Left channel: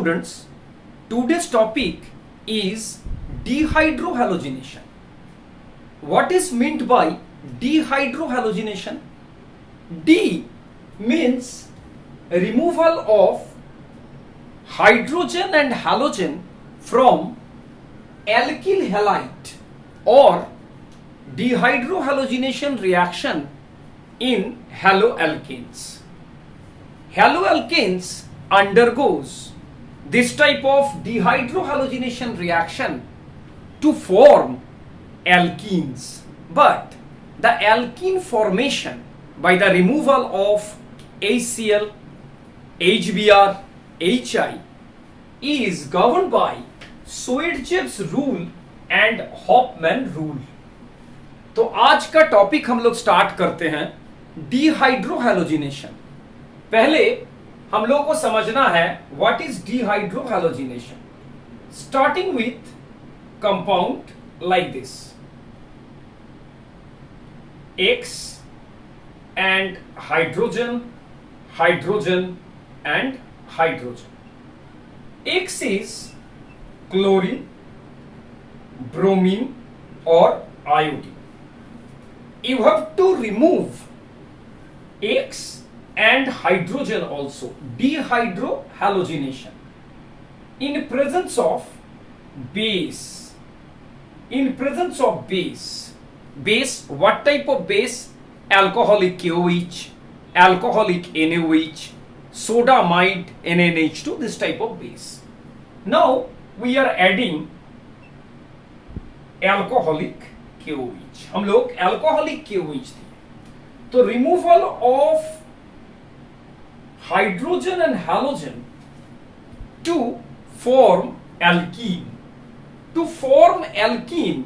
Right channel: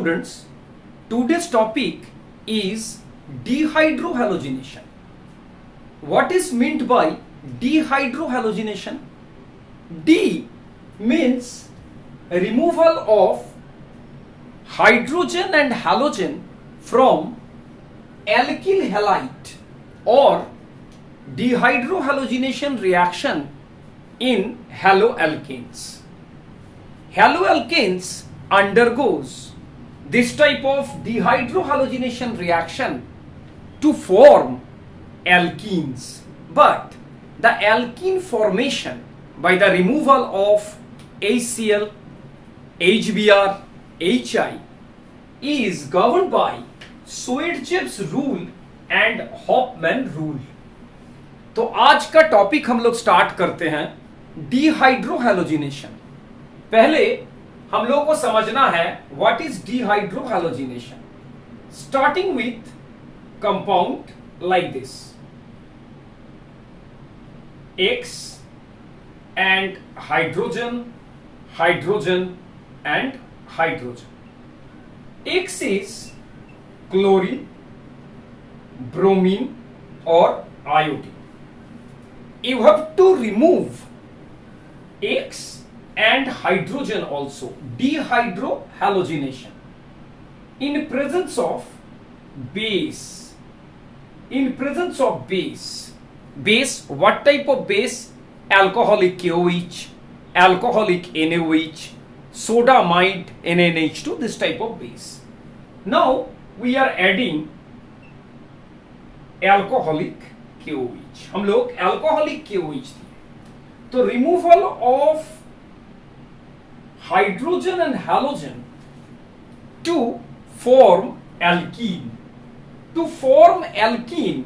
students, today's topic is dehydrohalogenation. What is meant by dehydrohalogenation? D means removal of hydrogen and halogen from alkyl halide or dehydrohalogenation reaction in haloalkanes. Haloalkanes undergoes this type of dehydrohalogenation reaction to form alkenes, but the alkene formation by the removal of HCl, HBr, HI is governed by Swerdjeff's rule and Hofmann rule. तो आज का topic हम लोग start करते हैं डिहाइड्रोहैलोजिनेशन। पहले हम लोग को समझना है what is dehydrohalogenation. Starting with compound like this X and hydrogen, hydrogen and hydrogen. X is chlorine, bromine or iodine. You have to remove X and hydrogen also, dehydrohalogenation, in presence of base. In presence of base. Base, what type of base? Alcoholic KOH, alcoholic NaOH, sodamide NaNH2, this type of base. Now we are adding alcoholic KOH. हम लोग alcoholic KOH दिए, तो removal of hydrogen and halogen to form alkene. To form alkene,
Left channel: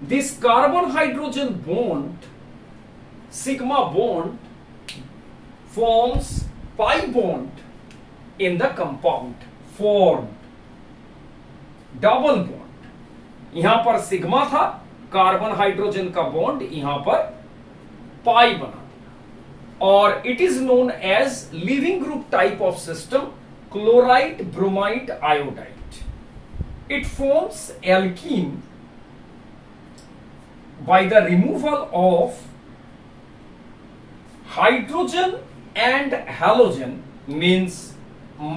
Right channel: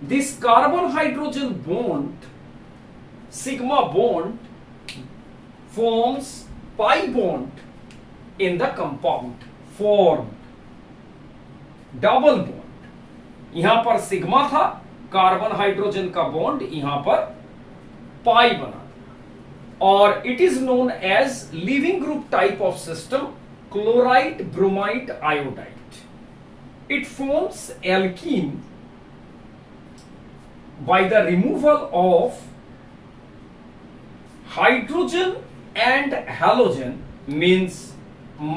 this carbon hydrogen bond, sigma bond, forms pi bond in the compound, formed double bond. यहां पर sigma था, carbon hydrogen का bond यहां पर pi बना, और it is known as leaving group type of system, chloride bromide iodide. It forms alkene by the removal of hydrogen and halogen, means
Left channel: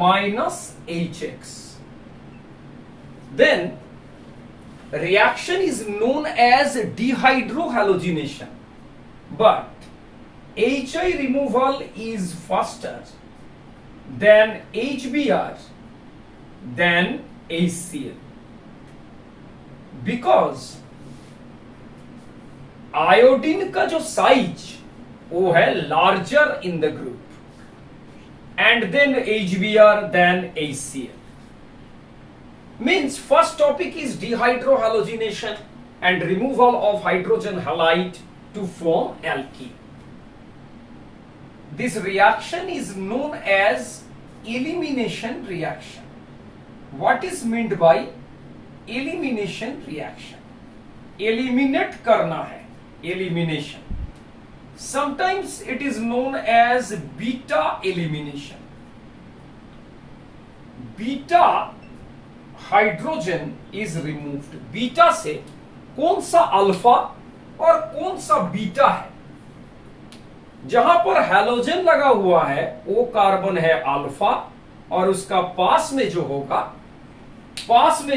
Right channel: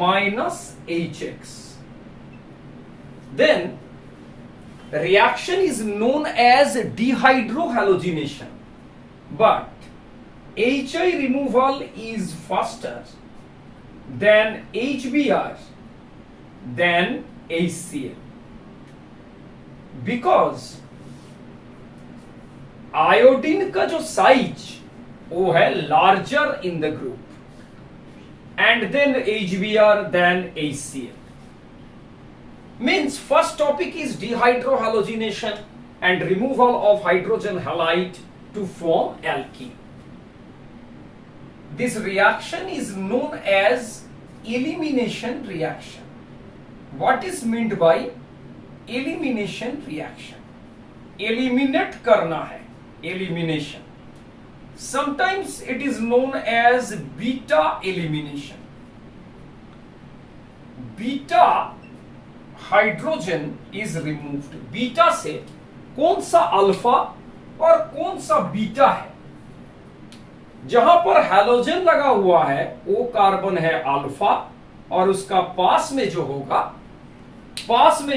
minus HX. Then reaction is known as dehydrohalogenation, but HI removal is faster than HBr than HCl, because iodine का जो size वो है larger in the group and then HBr then HCl. Means first topic is dehydrohalogenation and removal of hydrogen halide to form alkene. This reaction is known as elimination reaction. What is meant by elimination reaction? Eliminate करना है, elimination. Sometimes it is known as beta elimination. Beta hydrogen is removed. Beta से कौन सा alpha और कौन सा beta है? जहां पर हैलोजन लगा हुआ है वो कार्बन है अल्फा, और उसका पास में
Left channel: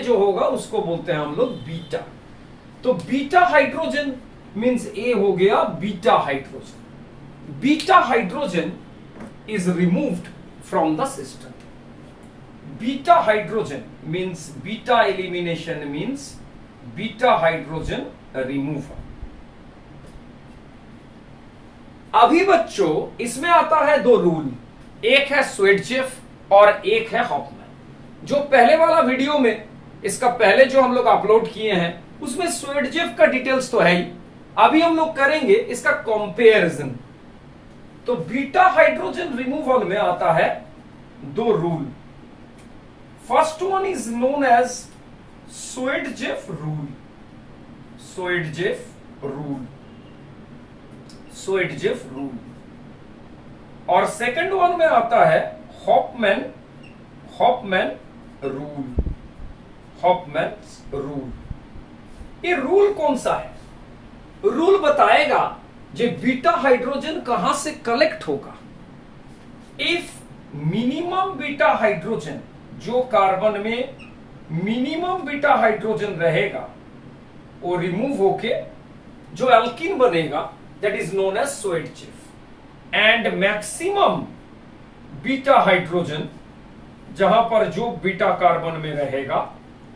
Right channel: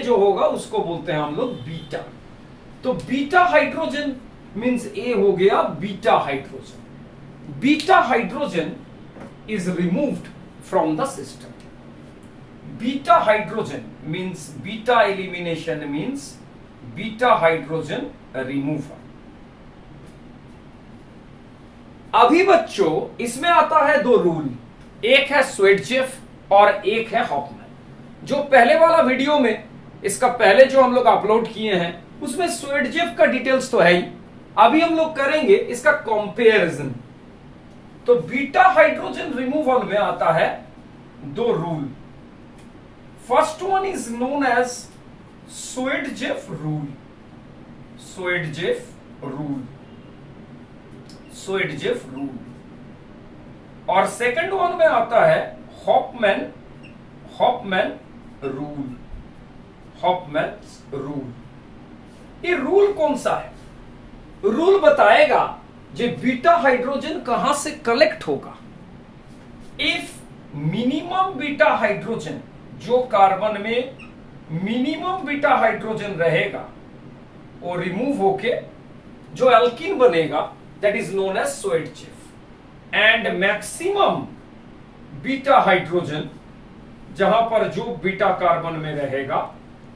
जो होगा उसको बोलते हैं हम लोग बीटा. तो बीटा हाइड्रोजन मीन्स ए हो गया beta hydrogen. Beta hydrogen is removed from the system. Beta hydrogen means beta elimination means beta hydrogen removal. अभी बच्चों इसमें आता है दो रूल, एक है स्वेर्डजेफ और एक है हॉफमैन. जो पहले वाला वीडियो में, इसका पहले जो हम लोग अपलोड किए हैं उसमें स्वेर्डजेफ का डिटेल्स तो है ही. अभी हम लोग करेंगे इसका कंपैरिजन. तो बीटा हाइड्रोजन रिमूवल में आता है दो rule. First one is known as Saytzeff rule. Saytzeff rule. Saytzeff rule. और सेकंड वन में आता है Hofmann Hofmann rule. Hofmann rule, ये रूल कौन सा है? रूल बताएगा जे बीटा हाइड्रोजन कहां से कलेक्ट होगा। इफ मिनिमम बीटा हाइड्रोजन, जो कार्बन में मिनिमम बीटा हाइड्रोजन रहेगा वो रिमूव होके जो एल्कीन बनेगा that is known as Saytzeff. And maximum beta hydrogen, जहां पर जो बीटा कार्बन में रहेगा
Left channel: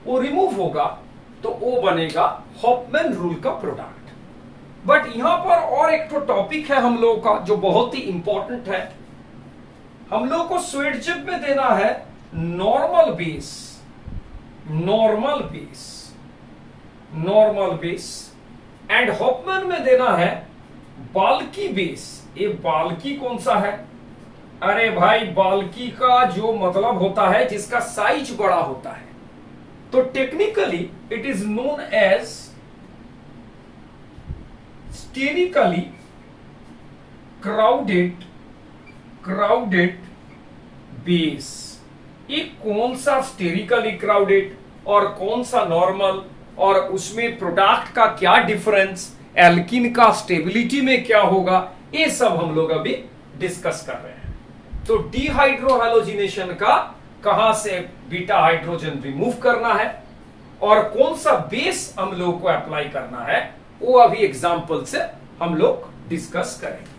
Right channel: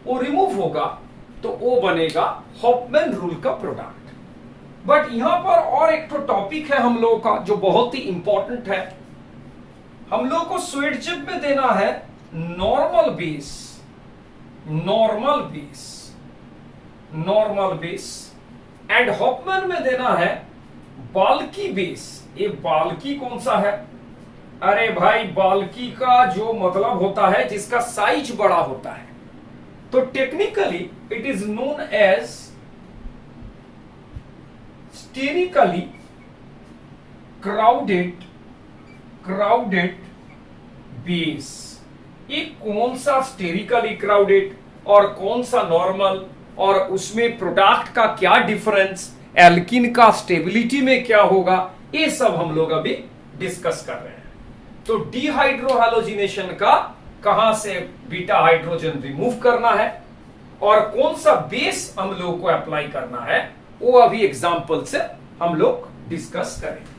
वो रिमूव होगा तो वो बनेगा हॉफमैन रूल का प्रोडक्ट। बट यहां पर और एक तो टॉपिक है हम लोगों का जो बहुत ही इंपॉर्टेंट है। हम लोग को स्वेडचेफ में देना है normal base, normal base, normal base, and Hofmann में देना है बाल्की बेस। ये बाल्की कौन सा है? अरे भाई, बाल्की का जो मतलब होता है जिसका साइज बड़ा होता है। तो technically it is known as sterically crowded base. ये कौन सा स्टेरिकली क्राउडेड और कौन सा नॉर्मल, और उसमें प्रोडक्ट का क्या डिफरेंस, एल्कीन का स्टेबिलिटी में क्या होगा, ये सब हम लोग अभी डिस्कस कर रहे हैं। तो डिहाइड्रोहैलोजिनेशन का कहां से बीटा हाइड्रोजन रिमूव करना है और कौन सा बेस हम लोग को अप्लाई करना है, वो अभी एग्जांपल से हम लोग डिस्कस करेंगे।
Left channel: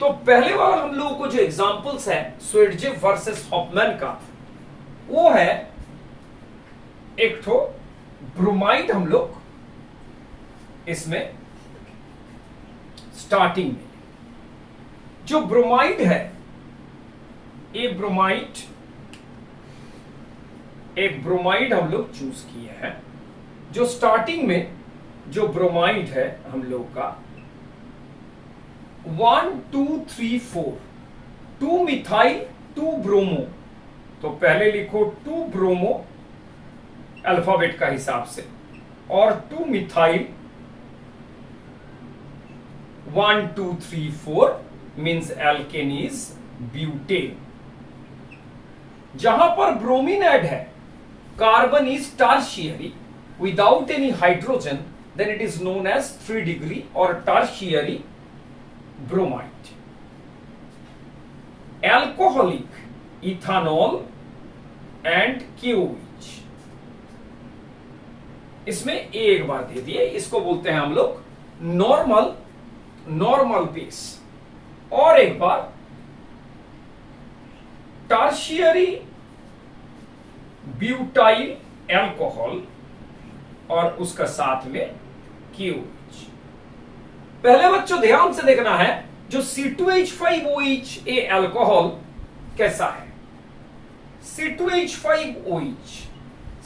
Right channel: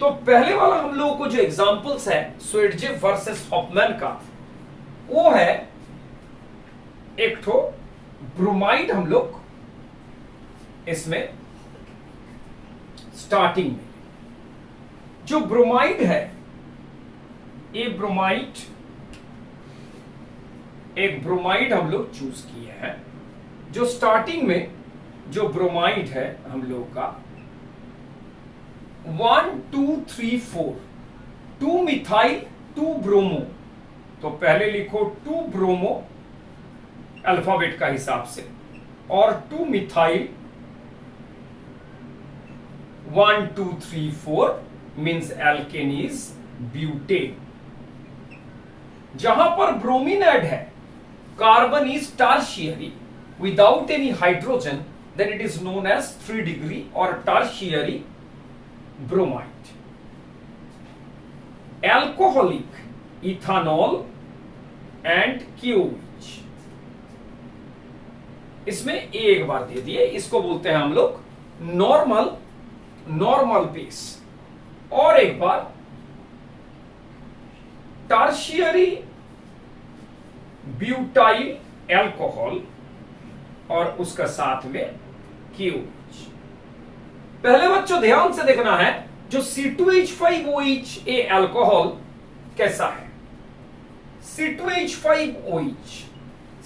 तो पहले वाला हम लोगों को जो एग्जांपल्स है स्वेडचेफ वर्सेस हॉफमैन का, वो है एक ठो ब्रोमाइड। हम लोग इसमें स्टार्टिंग में जो ब्रोमाइड है, ये ब्रोमाइड, एक ब्रोमाइड हम लोग चूज किए हैं। जो स्टार्टिंग में जो ब्रोमाइड है हम लोग का 1 2 3 4, 2 मिथाइल 2 ब्रोमो। तो पहले लिखो 2 ब्रोमो अल्फाबेट का हिसाब से, और 2 methyl 1 2 3 4 means alkane is butane. जहां पर ब्रोमीन ऐड है, carbon is tertiary without any hydrogen, then it is known as 3 degree और tertiary bromide. Alcoholic ethanol and क्यूच, इसमें एक बार दे दिए, इसको बोलते हैं हम लोग नॉर्मल बेस। और एक बार टर्शियरी ब्यूटाइल एल्कोहल और उसका साथ में क्यूच। पहले बच्चों ध्यान से देखना है, जो C2H5OH ये एल्कोहल कैसा है। C2H5OH,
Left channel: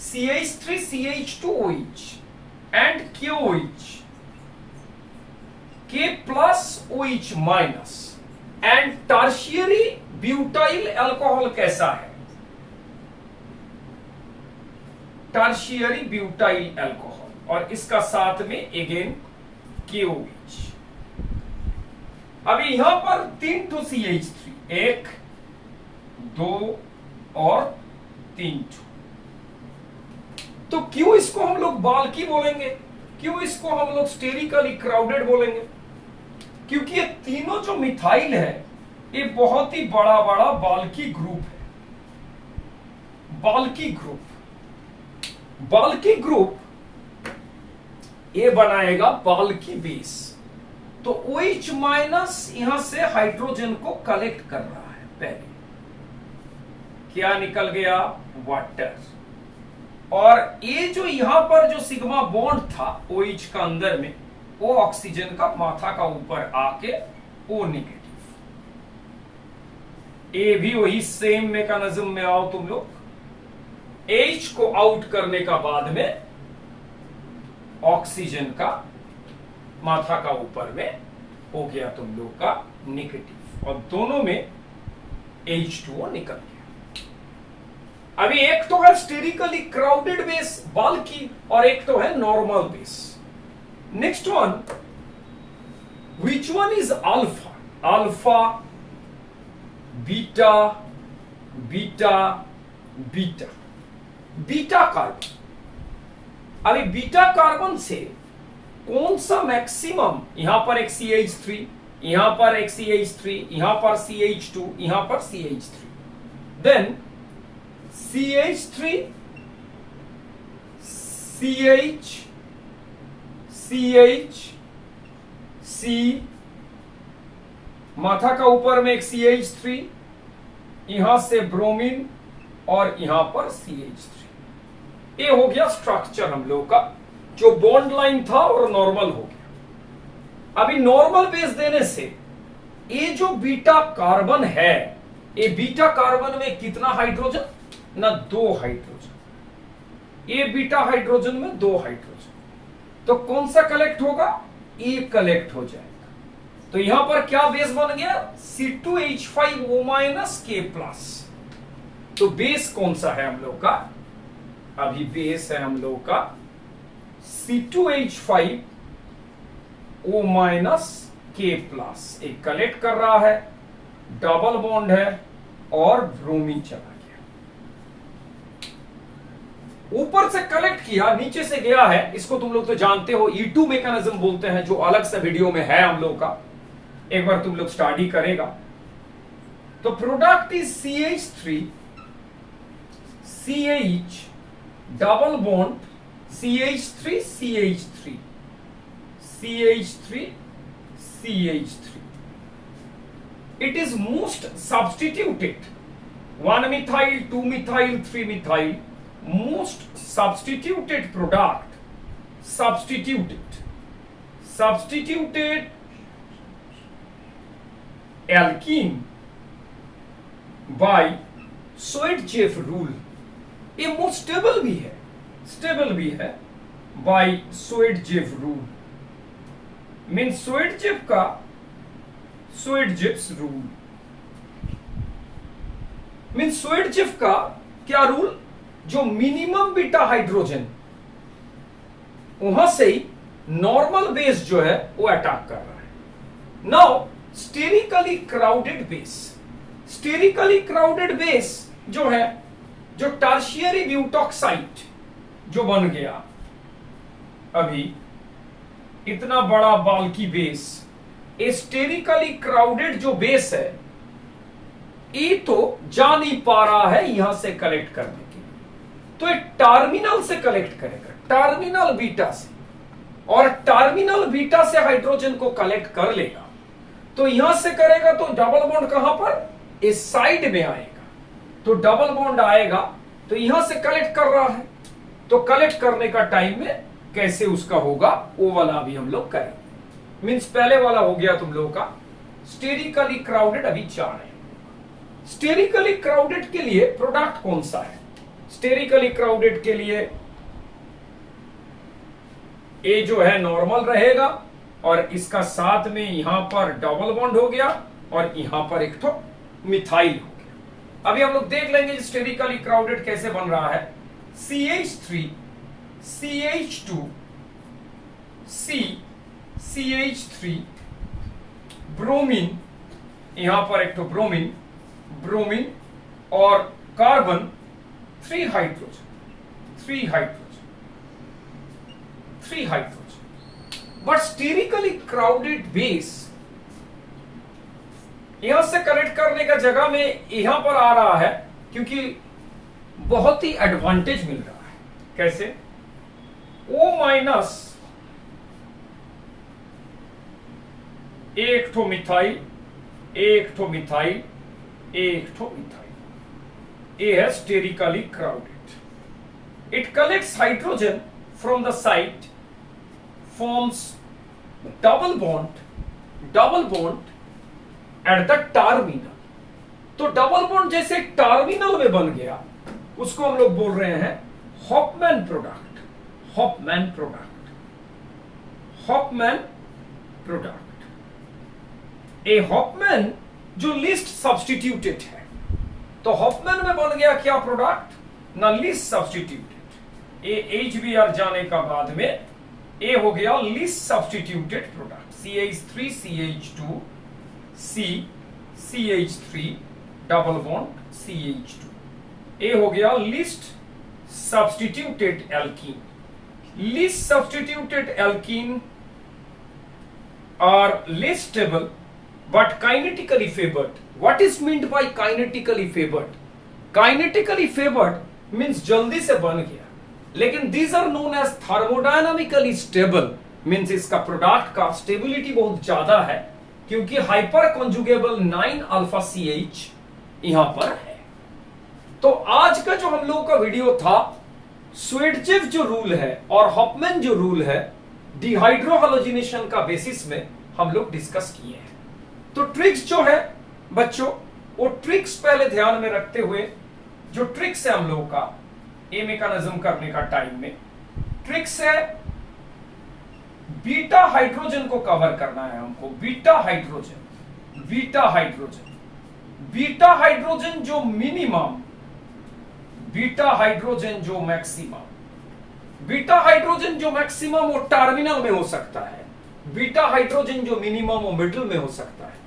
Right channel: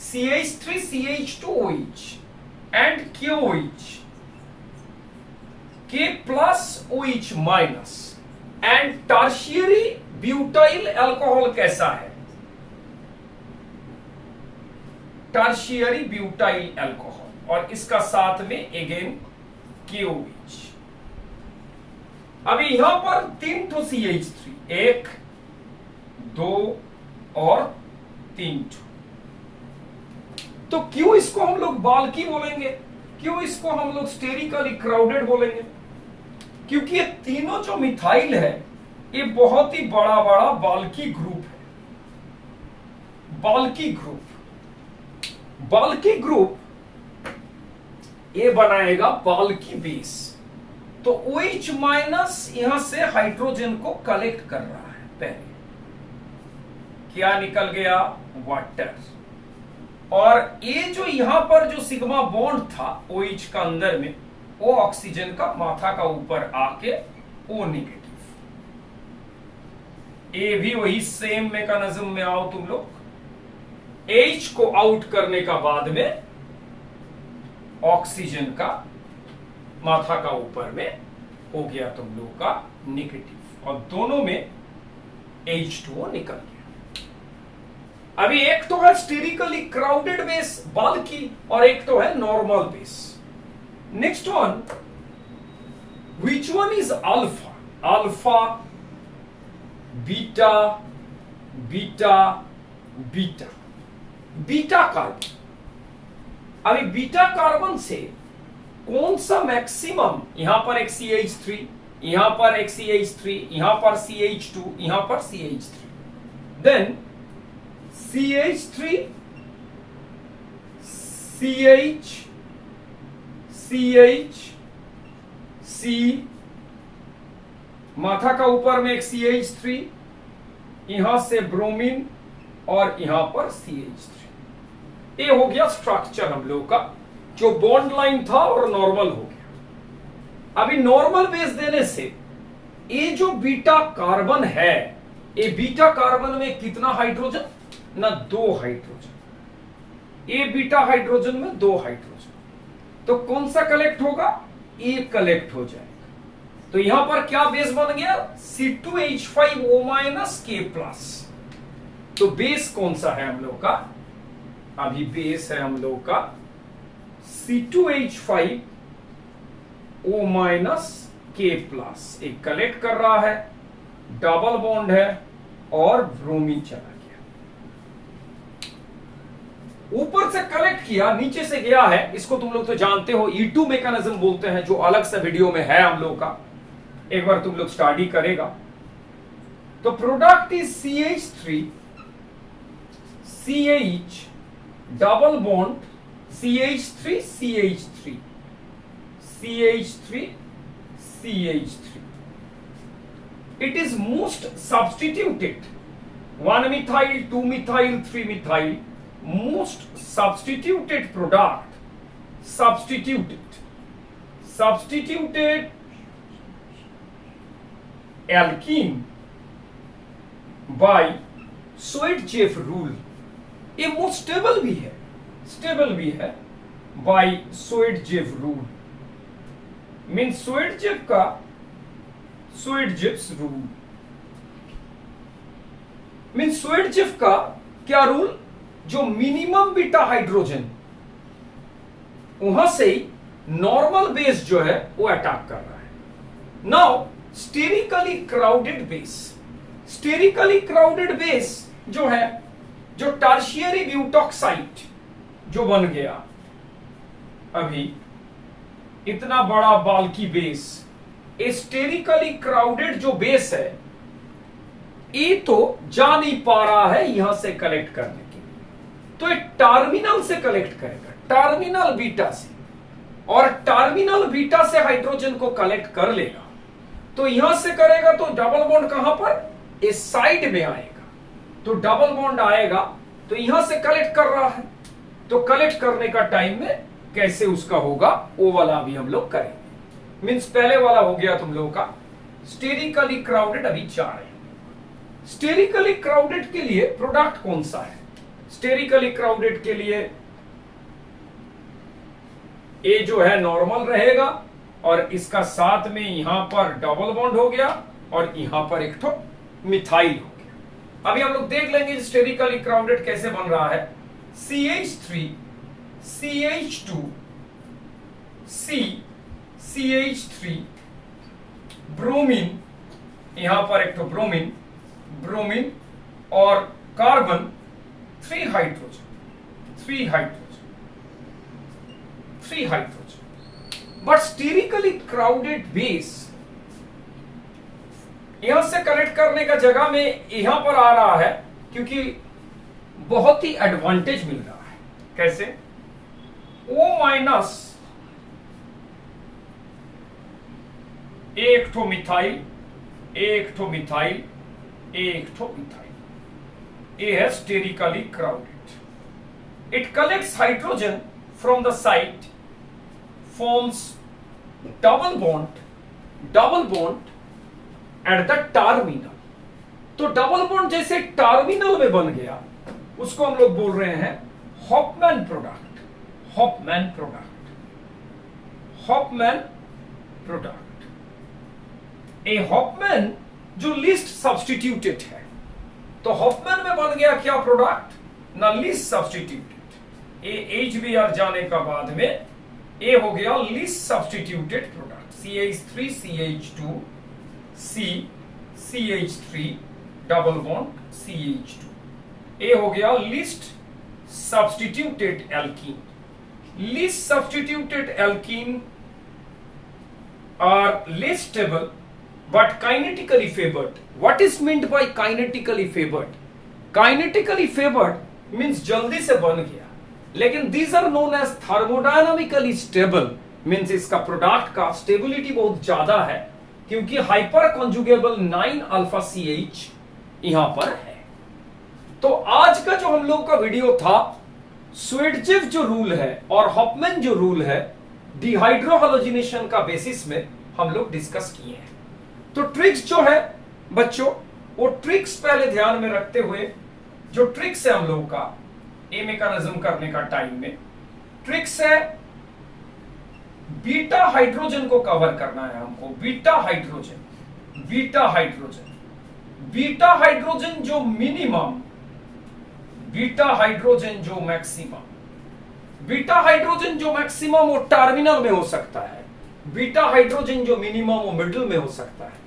CH3CH2OH and KOH, K plus OH minus, and tertiary butyl alcohol कैसा है? टर्शियरी ब्यूटाइल अल्कोहल और इसका साथ में अगेन KOH। अभी यहां पर 3 ठो CH3, 1 2 और 3 ठो। तो क्यों इसको हम लोग बाल्की बोलेंगे, क्यों इसको हम लोग स्टेरिकली क्राउडेड बोलेंगे? क्योंकि ये तीनों जो मिथाइल है ये बहुत ही बड़ा बड़ा बाल्की ग्रुप है। बाल्की ग्रुप ये बनाएगा बाल्की बेस। तो OH माइनस यहां से हाइड्रोजन को कलेक्ट कर रहा है। पहले क्या निकल गया? वाटर। और ये जो यहां पर जो सिग्मा बॉन्ड था OH का अंदर में, वो ऑक्सीजन का माथा का ऊपर आके O नेगेटिव। ये भी वही सेम मैकेनिज्म में आओ तुम लोग। H को आउट करने का बाद में ऑक्सीजन का माथा का ऊपर में हो गया तुम लोग का नेगेटिव, और दोनों में H2O निकल गया। अभी एक तो है स्टेरिकली क्राउडेड बेस बाल्की और एक तो है normal base. Next one, which one is alpha? Alpha, beta, beta beta beta carbon. अभी बीटा कार्बन से कौन सा मैक्सिमम, यहां पर एक CH3, यहां पर एक CH3, यहां पर CH2, यहां पर CH3, then CH3 CH CH C, माथा का ऊपर में एक CH3, यहां से ब्रोमीन और यहां पर CH3। ये हो गया स्ट्रक्चर हम लोग का, जो बॉन्ड लाइन था और नॉर्मल हो गया। अभी नॉर्मल बेस देने से ये जो बीटा कार्बन है, ये बीटा कार्बन में कितना हाइड्रोजन ना 2 हाइड्रोजन, ये बीटा हाइड्रोजन में 2 हाइड्रोजन, तो कौन सा कलेक्ट होगा, ये कलेक्ट हो जाएगा। तो यहां पर क्या बेस बन गया, C2H5O- K+। तो बेस कौन सा है हम लोग का, अभी बेस है हम लोग का C2H5O- K+। एक कलेक्ट कर रहा है, डबल बॉन्ड है और ब्रोमीन चला गया, ऊपर से कलेक्ट किया, नीचे से गया है। इसको तुम लोग तो जानते हो, E2 मैकेनिज्म बोलते हैं, जो अलग से वीडियो में है हम लोग का, एक बार तुम लोग स्टडी करेगा। तो product is CH3 CH double bond CH3 CH3 CH3 CH3। It is most substituted, 1 methyl, 2 methyl, 3 methyl, most substituted product, substituted alkene by Swerdjeff rule। ये मोस्ट स्टेबल भी है by Swerdjeff rule, mean Swerdjeff's rule, mean Swerdjeff का क्या rule, जो minimum beta hydrogen, वहां से ही normal base जो है वो अटैक कर रहा है। नाउ स्टेरिकली क्राउडेड बेस जो है, जो टर्शियरी ब्यूटॉक्साइड जो बन गया, अभी इतना बड़ा बाल्की बेस, स्टेरिकली क्राउडेड जो बेस है, ये तो जा नहीं पा रहा है यहां से कलेक्ट करने के लिए, तो एक टर्मिनल से कलेक्ट करेगा, टर्मिनल बीटा से, और टर्मिनल बीटा से हाइड्रोजन को कलेक्ट कर लेगा। तो यहां से करेगा तो डबल बॉन्ड कहां पर, इस साइड में आएगा, तो डबल बॉन्ड आएगा, तो यहां से कलेक्ट कर रहा है, तो कलेक्ट करने का टाइम में कैसे उसका होगा, वो वाला भी हम लोग करेंगे। मींस पहले वाला हो गया तुम लोगों का स्टेरिकली क्राउडेड, अभी जा रहे हैं। स्टेरिकली क्राउडेड के लिए प्रोडक्ट कौन सा है, स्टेरिकली क्राउडेड के लिए ए जो है नॉर्मल रहेगा, और इसका साथ में यहां पर डबल बॉन्ड हो गया, और यहां पर एक तो मिथाइल हो गया। अभी हम लोग देख लेंगे स्टेरिकली क्राउडेड कैसे बन रहा है। CH3 CH2 C CH3 bromine, यहां पर एक तो ब्रोमीन और carbon, 3 hydrogen. But sterically crowded base यहां से कनेक्ट करने का जगह में यहां पर आ रहा है, क्योंकि बहुत ही एडवांटेज मिल रहा है। कैसे, O- एक ठो मिथाइल, ये है sterically crowded. It collects hydrogen from the site, forms double bond at the terminal. तो डबल बॉन्ड जैसे टर्मिनल में बन गया, उसको हम लोग बोल रहे हैं हॉफमैन प्रोडक्ट। ए हॉफमैन जो लिस्ट सब्स्टिट्यूटेड है, तो हॉफमैन में बन गया क्या प्रोडक्ट ना, लिस्ट सब्स्टिट्यूटेड। ए HBr जाने का बाद में ए हो गया list substituted product, CH3 CH2 C CH3 double bond CH2। ए हो गया least substituted alkene. Least substituted alkene are less stable but kinetically favored. What is meant by kinetically favored? Kinetically favored means जल्दी से बन गया, लेकिन these are known as thermodynamically stable means इसका product का stability बहुत ज्यादा है क्योंकि हाइपर कॉन्जुगेबल 9 अल्फा CH यहां पर है। तो आज का जो हम लोग का वीडियो था, स्वेडजेव जो रूल है और हॉफमैन जो रूल है, डिहाइड्रोहैलोजिनेशन का बेसिस में हम लोग डिस्कस किए हैं। तो ट्रिक्स जो है बच्चों, वो ट्रिक्स पहले ध्यान में रखते हुए, जो ट्रिक्स है हम लोग का ए मैकेनिज्म करने का टाइम में, ट्रिक्स है बीटा हाइड्रोजन को कवर करना है हमको। Beta hydrogen, beta hydrogen, beta hydrogen जो मिनिमम, बीटा हाइड्रोजन जो मैक्सिमम, बीटा हाइड्रोजन जो मैक्सिमम वो टर्मिनल में हो सकता है, बीटा हाइड्रोजन जो मिनिमम वो मिडिल में हो सकता है,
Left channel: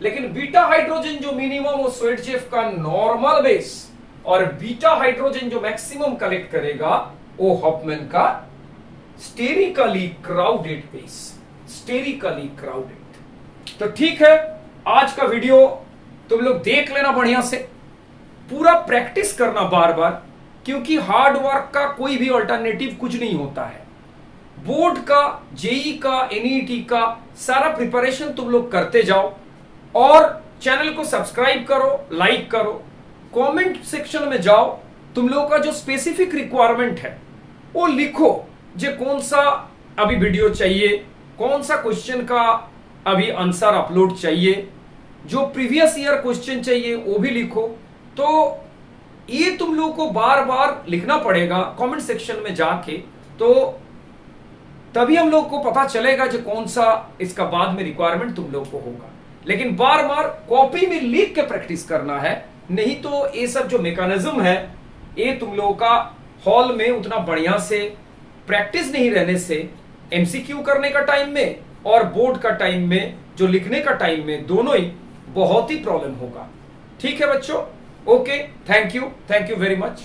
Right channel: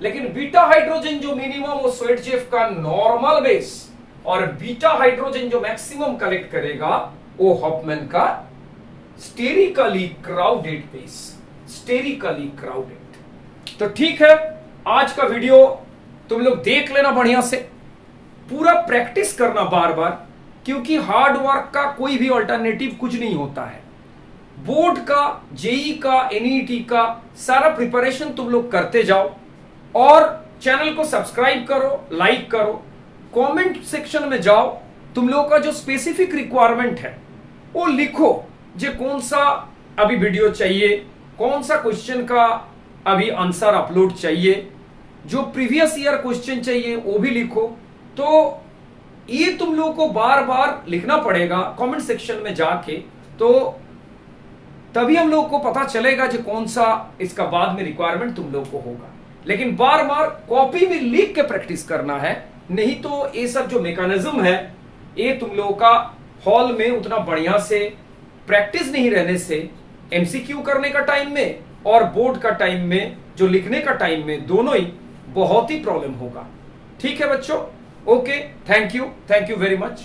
लेकिन बीटा हाइड्रोजन जो मिनिमम वो स्वेडजेव का नॉर्मल बेस और बीटा हाइड्रोजन जो मैक्सिमम कलेक्ट करेगा वो हॉफमैन का sterically crowded base, sterically crowded. तो ठीक है, आज का वीडियो तुम लोग देख लेना बढ़िया से, पूरा प्रैक्टिस करना बार बार, क्योंकि हार्ड वर्क का कोई भी अल्टरनेटिव कुछ नहीं होता है। बोर्ड का, जेई का, एनईटी का सारा प्रिपरेशन तुम लोग करते जाओ और चैनल को सब्सक्राइब करो, लाइक करो, कमेंट सेक्शन में जाओ, तुम लोग का जो स्पेसिफिक रिक्वायरमेंट है वो लिखो, जो कौन सा अभी वीडियो चाहिए, कौन सा क्वेश्चन का अभी आंसर अपलोड चाहिए, जो प्रीवियस ईयर क्वेश्चन चाहिए वो भी लिखो। तो ये तुम लोगों को बार बार लिखना पड़ेगा कमेंट सेक्शन में जाके, तो तभी हम लोग को पता चलेगा जो कौन सा इसका बाद में रिक्वायरमेंट तुम लोग को होगा। लेकिन बार बार कॉपी में लिख के प्रैक्टिस करना है, नहीं तो ये सब जो मैकेनिज्म है ये तुम लोगों का हॉल में उतना बढ़िया से प्रैक्टिस नहीं रहने से एमसीक्यू करने का टाइम में और बोर्ड का टाइम में, जो लिखने का टाइम में, दोनों ही बहुत ही प्रॉब्लम होगा। ठीक है बच्चों, okay, thank you very much.